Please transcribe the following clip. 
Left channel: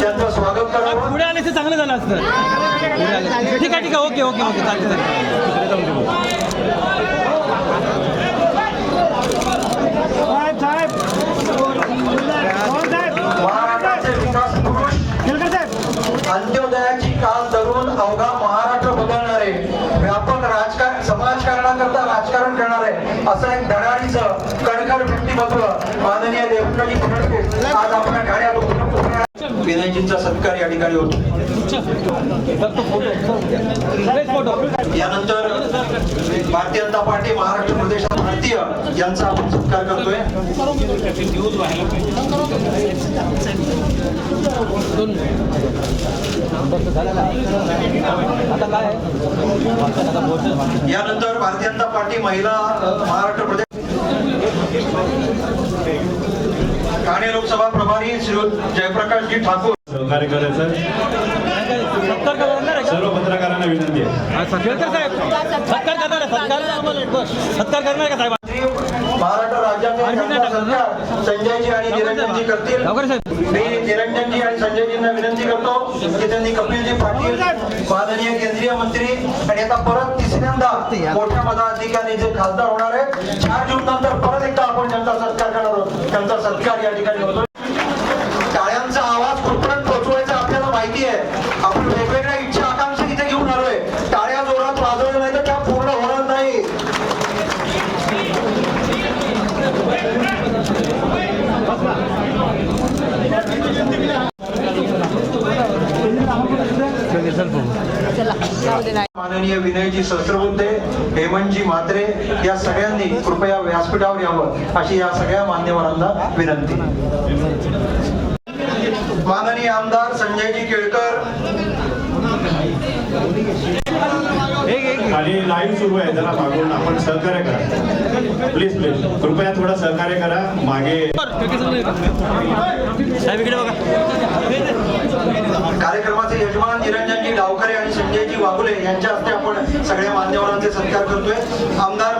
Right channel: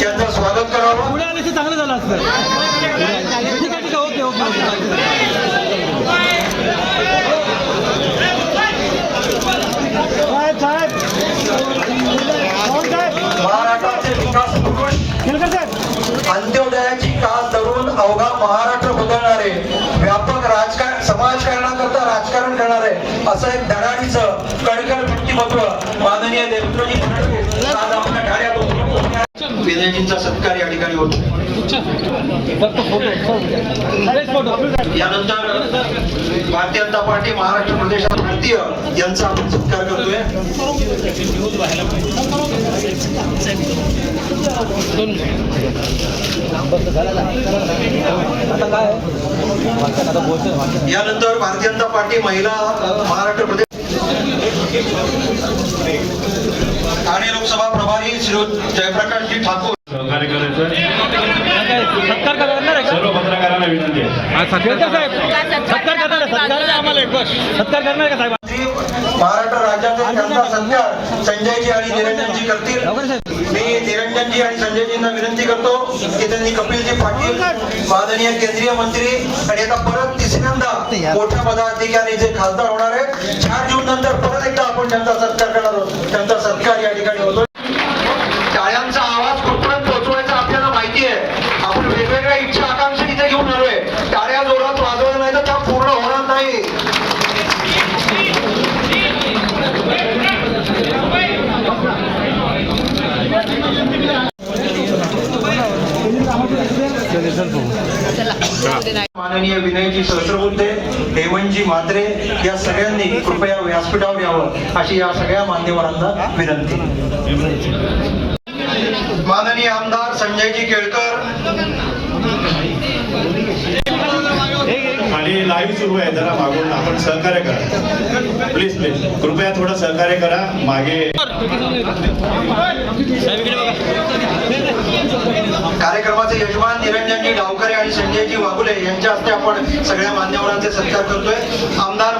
त्यांचं स्वागत करावं पुढे आले ते चांगलं झालं असतं. ठीक आहे ठीक आहे ओके ओके ओके चालतं महाराष्ट्राचे विकास पुरुष अंत्योदयाची कास धरून अवघा महाराष्ट्र बदलणारे? व्यापक राजकारण समाजकारणाकरता राजकारण करणारे? असं एक धडाडीचं कणकण व्यक्तिमत्व माननीय देवेंद्रजी फडणवीस आज आपल्या विनयजींचा सत्कार या ठिकाणी होतो. यानंतर भारतीय जनता पार्टी महाराष्ट्र प्रदेशात भारतीय यांचा आपण सत्कार करतोय. यानंतर भारतीय जनता पार्टी महिला महाराष्ट्र प्रदेश ठाणे लोकसभा प्रभारी श्री जयप्रकाशजी ठाकूर. सहकार्य करायचं? सर्व पत्रकारांना विनंती आहे. हा, महाराष्ट्र राज्याचे संजयजी आणि निरंजनजी करतील. लवकर साहेब. मी निरंजनजी आणि संजयजींना विनंती करतो की त्यांनी कपिलजी पाटील माननीय केंद्रीय मंत्री आणि आता परत तिसऱ्यांदा मोठ्या पदाधिकारी जे खासदार होणार आहे चार जून नंतर त्यांचा सत्कार करणार आहोत. त्यांचा सत्कार या ठिकाणी होतो टाळ्यांचा आवाज कुठपर्यंत पोहोचवायचा आपल्याला माहिती आहे. आपण वेगवेगळ्या इच्छा आकांक्षा इथे घेऊन आलोय. टाळ्या जोरात वाजवल्या नाही तर त्या पूर्ण होणार नाही. माननीय विनयजी सहस्रबुद्धे हेमंतजी म्हात्रे या सगळ्यांनी कृपया व्यासपीठावर यावं अशी या सगळ्या मान्यवरांना विनंती. माननीय आमदार संजयजी केळकर. खाली लाईव्ह सुरू आहे जरा मागून आपण सहकार्य करा. प्लीज प्लीज कृपया थोडं सहकार्य करा. मागे यजमान निरंजनजी गावकरे आणि संजयजी वाघुले यांच्या हस्ते आपण सगळ्या मान्यवरांचे सत्कार करतोय. आमदार